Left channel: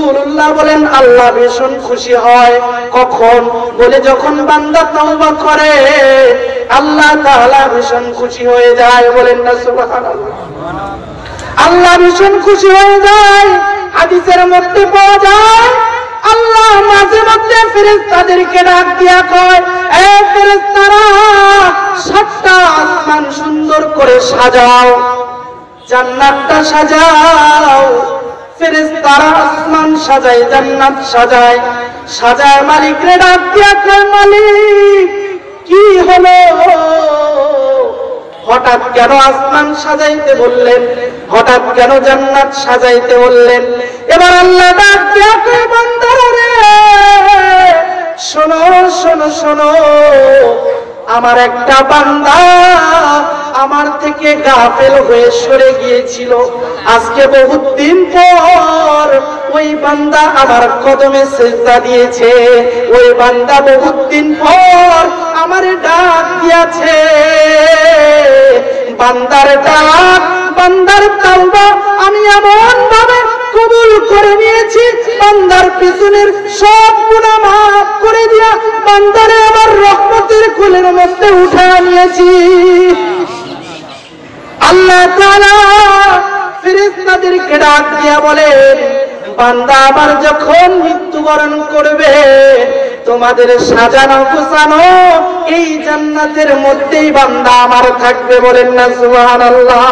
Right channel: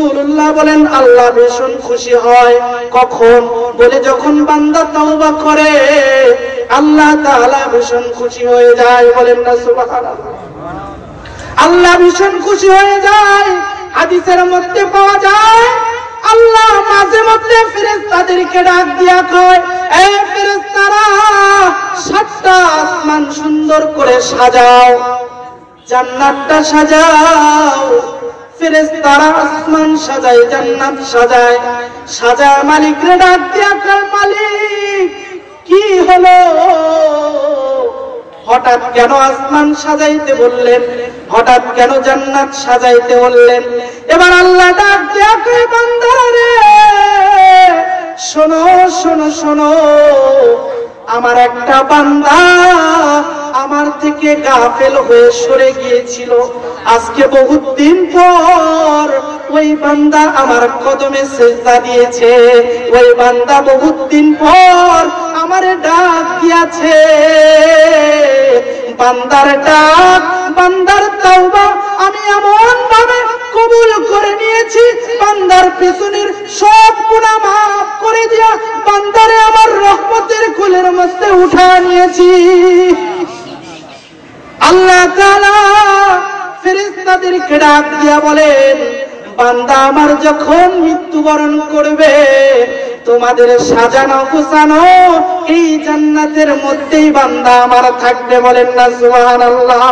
রাসূলুল্লাহ বলেন আল্লাহ ভীষণ খুশি হয় কখন? বলে যখন বান্দা তওবা করে আল্লাহ তাআলা ভীষণ খুশি হয়ে যায়। বলেন না সুবহানাল্লাহ। আল্লাহ ভীষণ খুশি হয়ে যায়। হাদিসের মধ্যে পাওয়া যায় আল্লাহ মাঝে মধ্যে ফেরেশতাদেরকে ডাক দিয়া কয়, এ ফেরেশতারা, 7টা আসমান সুন্দর করে সাজাও, জান্নাতটা সাজাও। ফেরেশতারা আসমান সাজায়, জান্নাত সাজায়। সাজায় মালিকরে ডাক দিয়া কয়, মালিক কি হলো? হঠাৎ কেন আসমান সাজাইতে বললেন? হঠাৎ কেন জান্নাত সাজাইতে বললেন? এবার আল্লাহ ডাক দিয়া কয়, বান্দারে শোনো শোনো শোনো, আমার একটা বান্দা আমার থেকে গাফেল হয়ে সরে গিয়েছিল। আজকে বহুত দিন পর ওই বান্দা আমার কদমে সিজদা দিয়েছে। ওই বান্দা বহুত দিন পর আমার ডাক দিয়েছে। বান্দার ডাক, বান্দার তাওবা আমি এমন ভাবে কবুল করে নিয়েছি, বান্দার পিছনের সব গুনাহ মাফ করে দিয়া বান্দারে আমার রহমতের কোলের মধ্যে উঠায় নিয়েছি। আল্লাহ তাআলা ফেরেশতাদেরকে ডাক দিয়া বলেন, বান্দা আমার যখন মৃত্যুবরণ করবে তোমাদের সাজানো গোছানো এই জান্নাতের মধ্যেই বান্দা আমার থাকবে। বলেন না সুবহানাল্লাহ।